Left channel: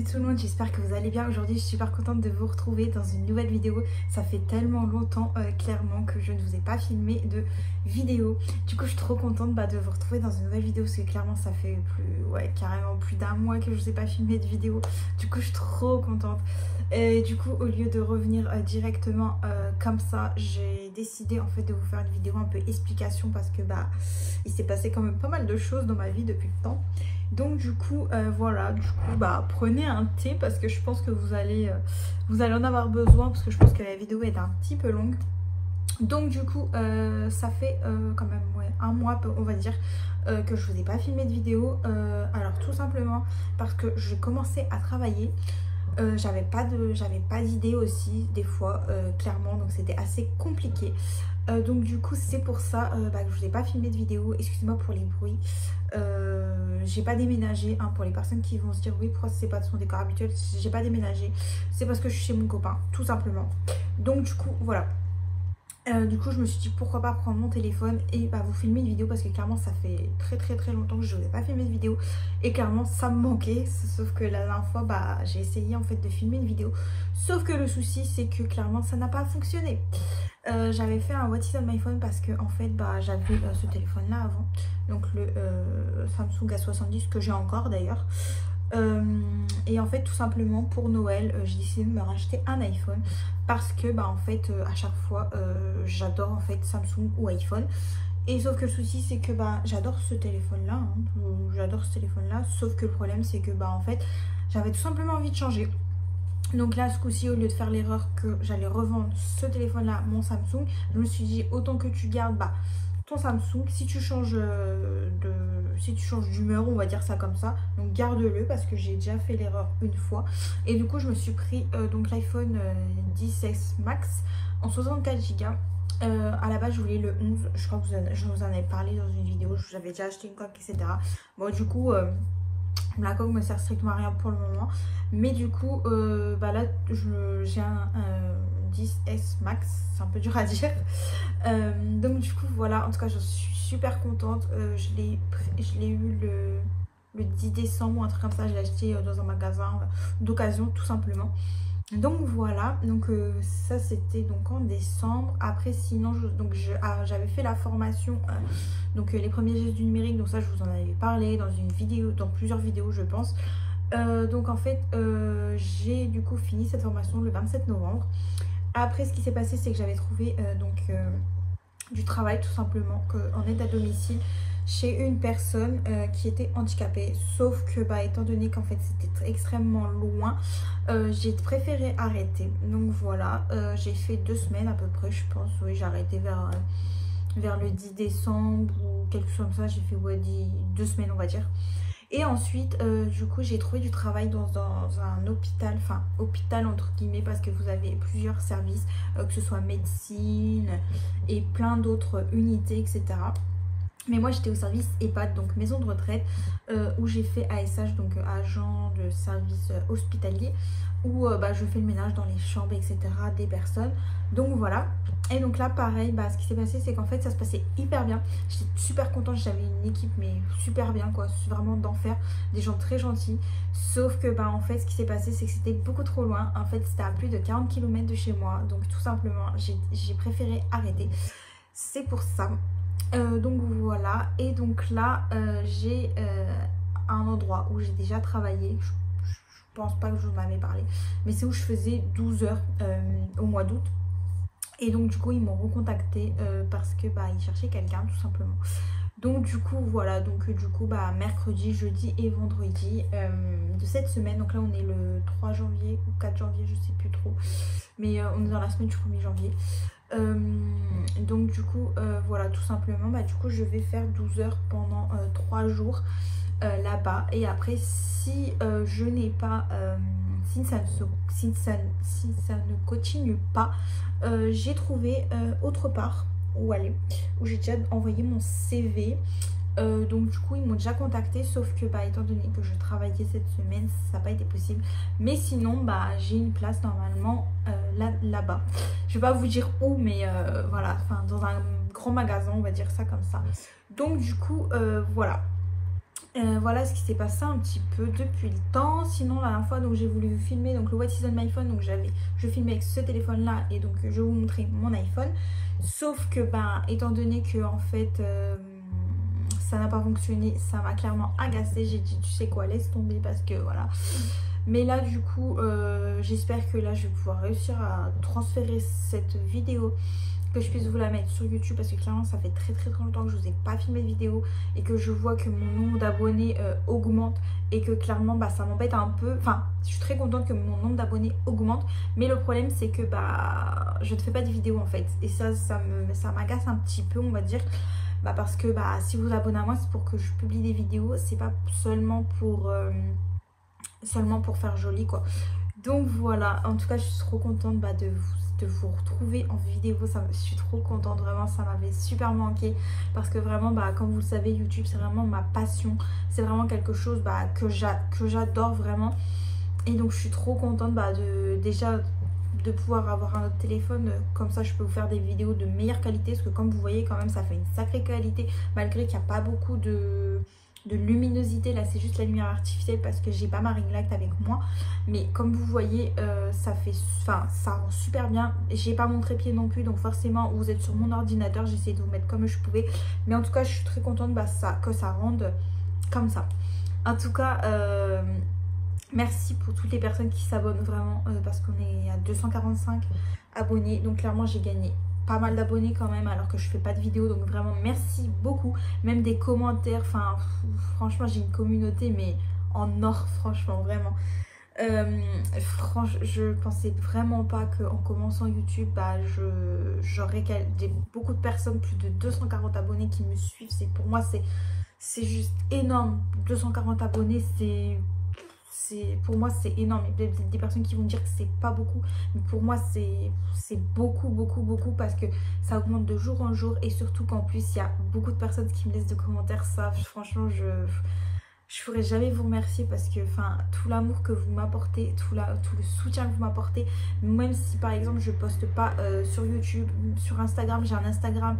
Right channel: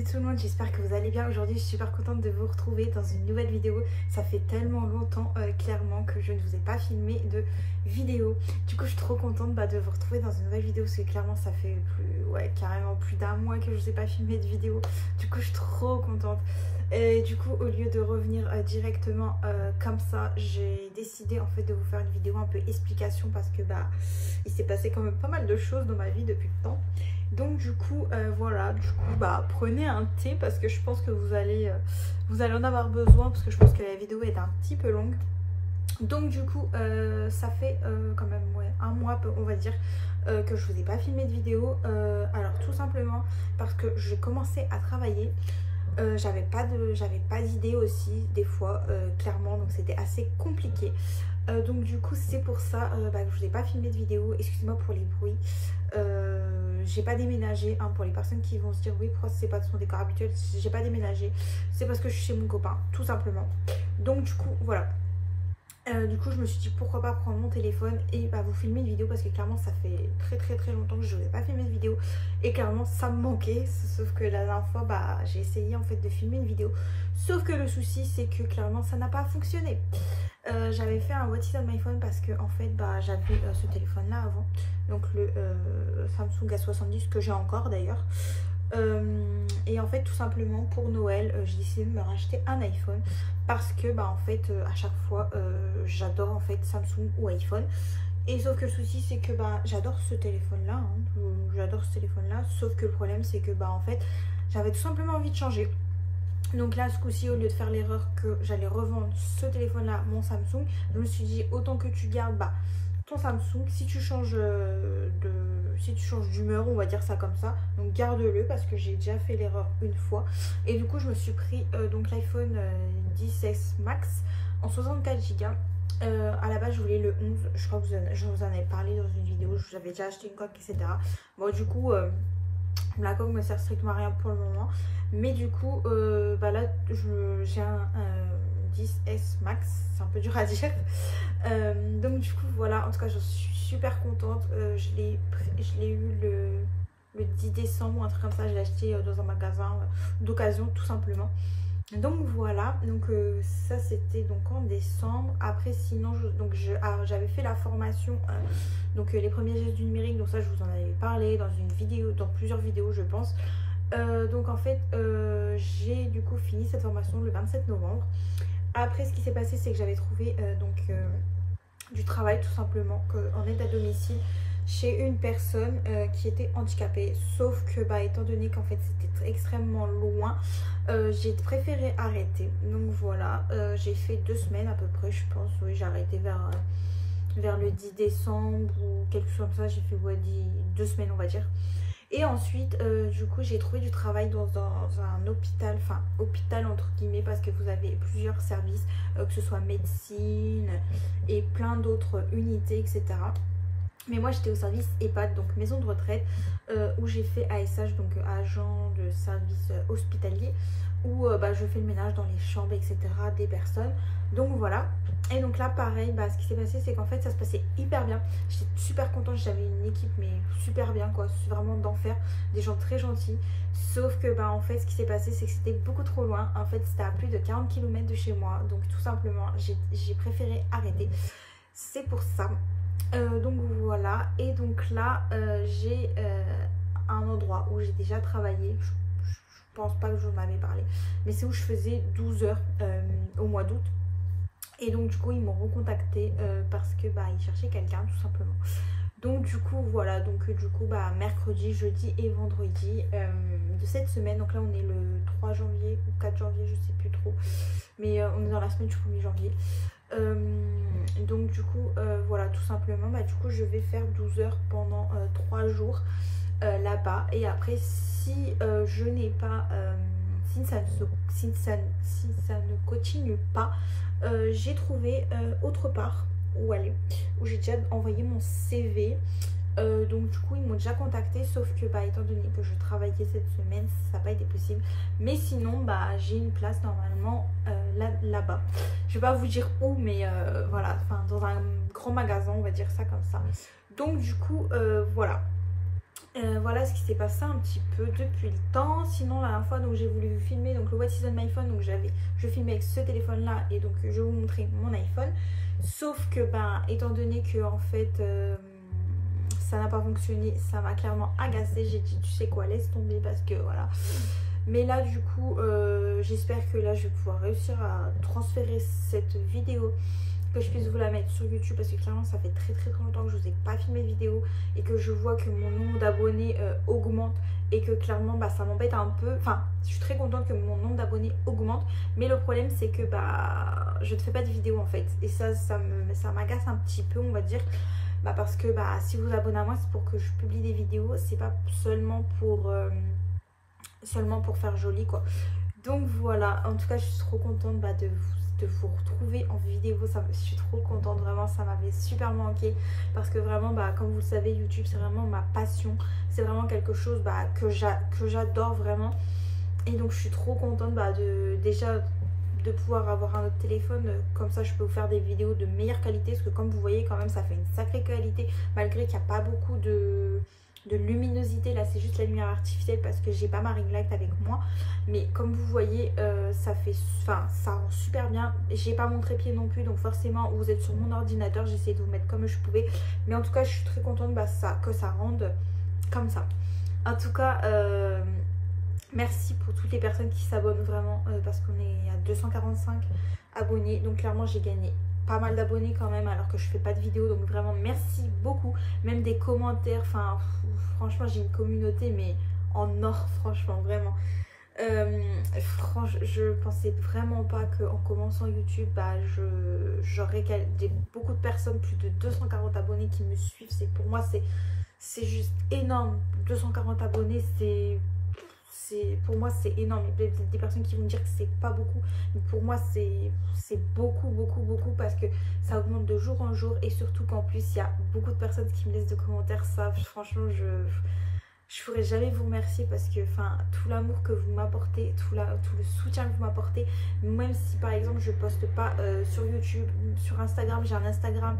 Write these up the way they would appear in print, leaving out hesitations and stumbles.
Salut tout le monde, j'espère que vous allez bien. Aujourd'hui je suis super contente de vous retrouver dans une nouvelle vidéo. Ça fait tellement longtemps clairement que je ne vous ai pas filmé de vidéo. Du coup je suis trop contente de vous retrouver dans une nouvelle vidéo parce que clairement ça fait carrément plus d'un mois que je ne vous ai pas filmé de vidéo. Du coup je suis trop contente. Et du coup au lieu de revenir directement comme ça, j'ai décidé en fait de vous faire une vidéo un peu explication parce que il s'est passé quand même pas mal de choses dans ma vie depuis le temps. Donc du coup voilà, prenez un thé parce que je pense que vous allez en avoir besoin parce que je pense que la vidéo est un petit peu longue. Donc du coup ça fait quand même un mois on va dire que je vous ai pas filmé de vidéo. Alors tout simplement parce que j'ai commencé à travailler. J'avais pas d'idée aussi des fois clairement, donc c'était assez compliqué. Donc du coup c'est pour ça que je vous ai pas filmé de vidéo. Excusez-moi pour les bruits. J'ai pas déménagé pour les personnes qui vont se dire oui pourquoi c'est pas de son décor habituel, j'ai pas déménagé, c'est parce que je suis chez mon copain tout simplement. Donc du coup voilà, du coup je me suis dit pourquoi pas prendre mon téléphone et vous filmer une vidéo parce que clairement ça fait très longtemps que je n'ai pas filmé de vidéo et clairement ça me manquait. Sauf que la dernière fois j'ai essayé en fait de filmer une vidéo, sauf que le souci c'est que clairement ça n'a pas fonctionné. J'avais fait un what is on my phone parce que en fait j'avais ce téléphone là avant, donc le Samsung A70 que j'ai encore d'ailleurs. Et en fait tout simplement pour Noël j'ai décidé de me racheter un iPhone parce que en fait à chaque fois j'adore en fait Samsung ou iPhone. Et sauf que le souci c'est que j'adore ce téléphone là sauf que le problème c'est que en fait j'avais tout simplement envie de changer. Donc là ce coup-ci au lieu de faire l'erreur que j'allais revendre ce téléphone là, mon Samsung, je me suis dit autant que tu gardes ton Samsung, si tu changes d'humeur, on va dire ça comme ça, donc garde-le parce que j'ai déjà fait l'erreur une fois. Et du coup je me suis pris donc l'iPhone 10S Max en 64 Go. À la base je voulais le 11, je crois que je vous en avais parlé dans une vidéo, j'avais déjà acheté une coque etc. Bon du coup la coque me sert strictement à rien pour le moment, mais du coup là j'ai un 10S Max, c'est un peu dur à dire. Donc du coup voilà, en tout cas je suis super contente. Je l'ai eu le 10 décembre ou un truc comme ça, je l'ai acheté dans un magasin d'occasion tout simplement. Donc voilà, donc ça c'était donc en décembre. Après sinon j'avais fait la formation donc les premiers gestes du numérique, donc ça je vous en avais parlé dans une vidéo, dans plusieurs vidéos je pense. Donc en fait j'ai du coup fini cette formation le 27 novembre. Après ce qui s'est passé c'est que j'avais trouvé du travail tout simplement en aide à domicile chez une personne qui était handicapée, sauf que étant donné qu'en fait c'était extrêmement loin, j'ai préféré arrêter. Donc voilà, j'ai fait 2 semaines à peu près je pense, oui j'ai arrêté vers le 10 décembre ou quelque chose comme ça, j'ai fait 2 semaines on va dire. Et ensuite du coup j'ai trouvé du travail dans un hôpital, enfin hôpital entre guillemets parce que vous avez plusieurs services, que ce soit médecine et plein d'autres unités etc. Mais moi j'étais au service EHPAD, donc maison de retraite, où j'ai fait ASH, donc agent de service hospitalier, où je fais le ménage dans les chambres etc des personnes. Donc voilà. Et donc là pareil, ce qui s'est passé c'est qu'en fait ça se passait hyper bien. J'étais super contente, j'avais une équipe mais super bien quoi, c'est vraiment d'enfer, des gens très gentils. Sauf que en fait ce qui s'est passé c'est que c'était beaucoup trop loin. En fait c'était à plus de 40 km de chez moi, donc tout simplement j'ai préféré arrêter. C'est pour ça. Donc voilà, et donc là j'ai un endroit où j'ai déjà travaillé, je pense pas que je vous en avais parlé, mais c'est où je faisais 12 heures au mois d'août. Et donc du coup ils m'ont recontacté parce que ils cherchaient quelqu'un tout simplement. Donc du coup voilà, donc du coup mercredi, jeudi et vendredi de cette semaine, donc là on est le 3 janvier ou 4 janvier je sais plus trop, mais on est dans la semaine du 1er janvier. Donc du coup voilà, tout simplement du coup je vais faire 12 heures pendant 3 jours là-bas. Et après si je n'ai pas si ça ne continue pas, j'ai trouvé autre part où aller, où j'ai déjà envoyé mon CV. Donc du coup ils m'ont déjà contacté, sauf que étant donné que je travaillais cette semaine ça n'a pas été possible. Mais sinon j'ai une place normalement là-bas, je vais pas vous dire où, mais voilà, dans un grand magasin on va dire ça comme ça. Donc du coup voilà, Voilà ce qui s'est passé un petit peu depuis le temps. Sinon la dernière fois donc j'ai voulu filmer donc le What is on my phone, donc je filmais avec ce téléphone là et donc je vais vous montrer mon iPhone. Sauf que ben étant donné que en fait ça n'a pas fonctionné, ça m'a clairement agacée. J'ai dit tu sais quoi, laisse tomber parce que voilà. Mais là du coup j'espère que là je vais pouvoir réussir à transférer cette vidéo, que je puisse vous la mettre sur YouTube, parce que clairement ça fait très longtemps que je vous ai pas filmé de vidéo et que je vois que mon nombre d'abonnés augmente et que clairement bah ça m'embête un peu. Enfin je suis très contente que mon nombre d'abonnés augmente, mais le problème c'est que bah je ne fais pas de vidéos en fait, et ça m'agace un petit peu, on va dire. Bah parce que bah si vous vous abonnez à moi, c'est pour que je publie des vidéos, c'est pas seulement pour faire joli quoi. Donc voilà, en tout cas je suis trop contente bah, de vous retrouver en vidéo. Je suis trop contente, vraiment ça m'avait super manqué, parce que vraiment bah, comme vous le savez, YouTube c'est vraiment ma passion, c'est vraiment quelque chose bah, que j'adore vraiment. Et donc je suis trop contente bah, déjà de pouvoir avoir un autre téléphone, comme ça je peux vous faire des vidéos de meilleure qualité, parce que comme vous voyez quand même ça fait une sacrée qualité, malgré qu'il n'y a pas beaucoup de luminosité. Là c'est juste la lumière artificielle parce que j'ai pas ma ring light avec moi, mais comme vous voyez ça rend super bien. J'ai pas mon trépied non plus, donc forcément vous êtes sur mon ordinateur, j'ai essayé de vous mettre comme je pouvais, mais en tout cas je suis très contente bah, que ça rende comme ça. En tout cas merci pour toutes les personnes qui s'abonnent vraiment, parce qu'on est à 245 abonnés, donc clairement j'ai gagné pas mal d'abonnés quand même alors que je fais pas de vidéo, donc vraiment merci beaucoup, même des commentaires, enfin franchement j'ai une communauté mais en or, franchement vraiment. Je pensais vraiment pas qu'en commençant YouTube bah, j'aurais beaucoup de personnes, plus de 240 abonnés qui me suivent. Pour moi c'est juste énorme. 240 abonnés pour moi c'est énorme. Il y a des personnes qui vont dire que c'est pas beaucoup, mais pour moi c'est beaucoup, parce que ça augmente de jour en jour, et surtout qu'en plus il y a beaucoup de personnes qui me laissent de commentaires. Ça franchement je pourrais jamais vous remercier, parce que enfin tout l'amour que vous m'apportez, tout le soutien que vous m'apportez, même si par exemple je poste pas sur YouTube, sur Instagram, j'ai un Instagram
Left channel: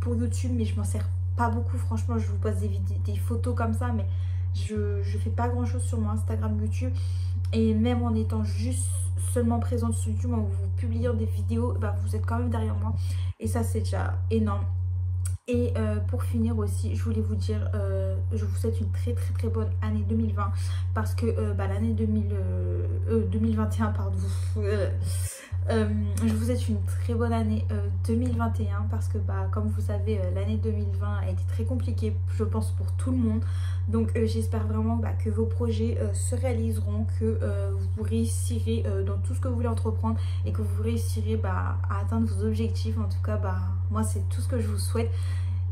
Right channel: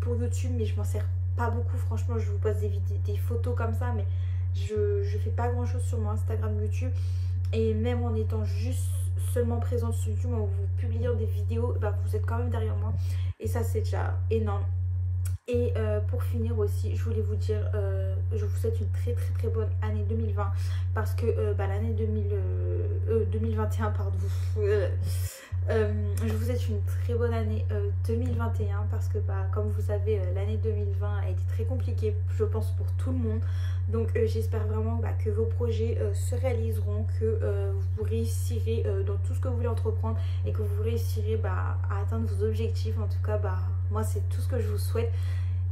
pour YouTube mais je m'en sers pas beaucoup, franchement. Je vous poste des photos comme ça, mais je fais pas grand chose sur mon Instagram, YouTube, et même en étant juste seulement présente sur YouTube, en vous publiant des vidéos, bah, vous êtes quand même derrière moi, et ça c'est déjà énorme. Et pour finir aussi, je voulais vous dire, je vous souhaite une très bonne année 2020, parce que bah, l'année 2021, pardon, je vous souhaite une très bonne année 2021, parce que bah, comme vous savez, l'année 2020 a été très compliquée, je pense, pour tout le monde. Donc j'espère vraiment bah, que vos projets se réaliseront, que vous réussirez dans tout ce que vous voulez entreprendre, et que vous réussirez bah, à atteindre vos objectifs. En tout cas, bah, moi c'est tout ce que je vous souhaite.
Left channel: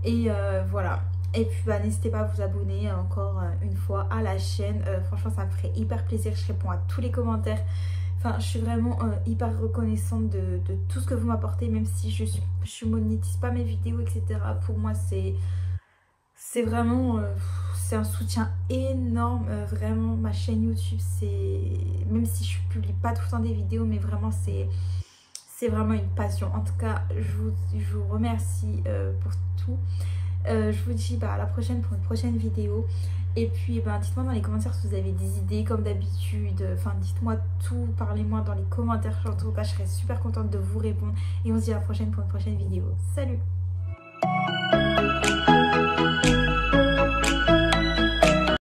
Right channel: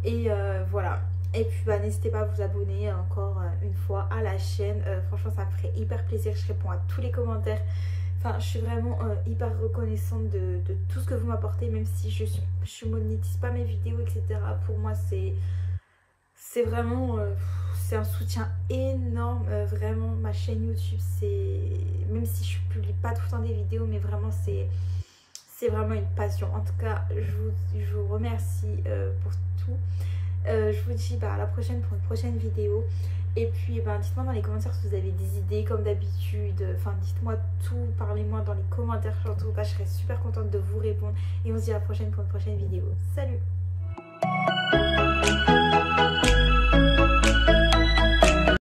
Et voilà. Et puis bah, n'hésitez pas à vous abonner encore une fois à la chaîne. Franchement ça me ferait hyper plaisir. Je réponds à tous les commentaires. Enfin je suis vraiment hyper reconnaissante de tout ce que vous m'apportez. Même si je monétise pas mes vidéos, etc. Pour moi c'est vraiment c'est un soutien énorme. Vraiment ma chaîne YouTube, même si je publie pas tout le temps des vidéos, mais vraiment c'est vraiment une passion. En tout cas je vous remercie pour tout. Je vous dis bah, à la prochaine pour une prochaine vidéo. Et puis bah, dites-moi dans les commentaires si vous avez des idées comme d'habitude. Enfin dites-moi tout, parlez-moi dans les commentaires. En tout cas je serais super contente de vous répondre. Et on se dit à la prochaine pour une prochaine vidéo. Salut!